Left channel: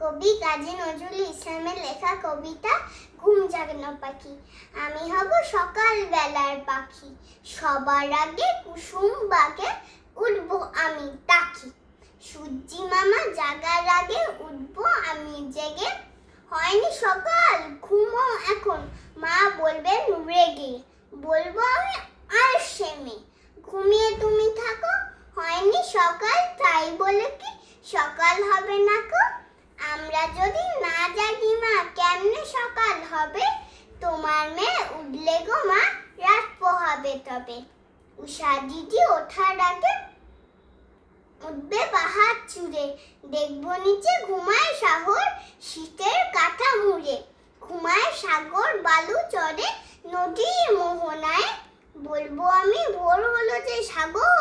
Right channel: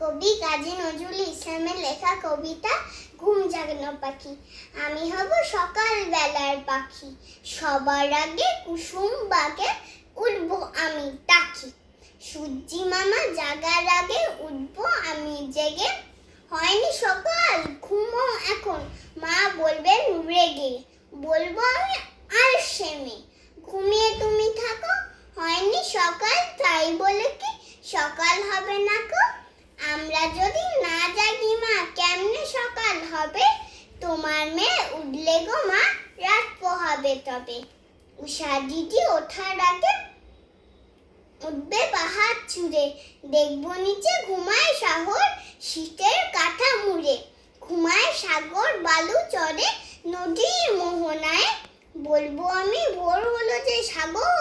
কবি কাজী নজরুল ইসলামের লেখা কবিতা ঘুম জাগানো পাখি। আমি হব সকাল বেলার পাখি, সবার আগে কুসুম বাগে উঠবো আমি তাকি। সূর্যি মামা জাগার আগে উঠবো আমি জেগে, হয়নি সকাল ঘুমো এখন, মা বলবেন রেগে। বলবো আমি আলসেমি, ঘুমিয়ে তুমি থাকো, হয়নি সকাল তাই বলে কি সকাল হবে না কো। আমরা যদি না জাগি মা কেমনে সকাল হবে, তোমার মেয়ে উঠলে গো মা রাত পোহাবে তবে। উষা দিদি ওঠার আগে উঠবে পাহাড় চূড়ে, দেখবো নিচে ঘুমায় শহর শীতের কাঁথা মুড়ে। ঘুমায় সাগর বালু চরে নদীর মোহনায়, বলবো আমি ভোর হলো যে সাগর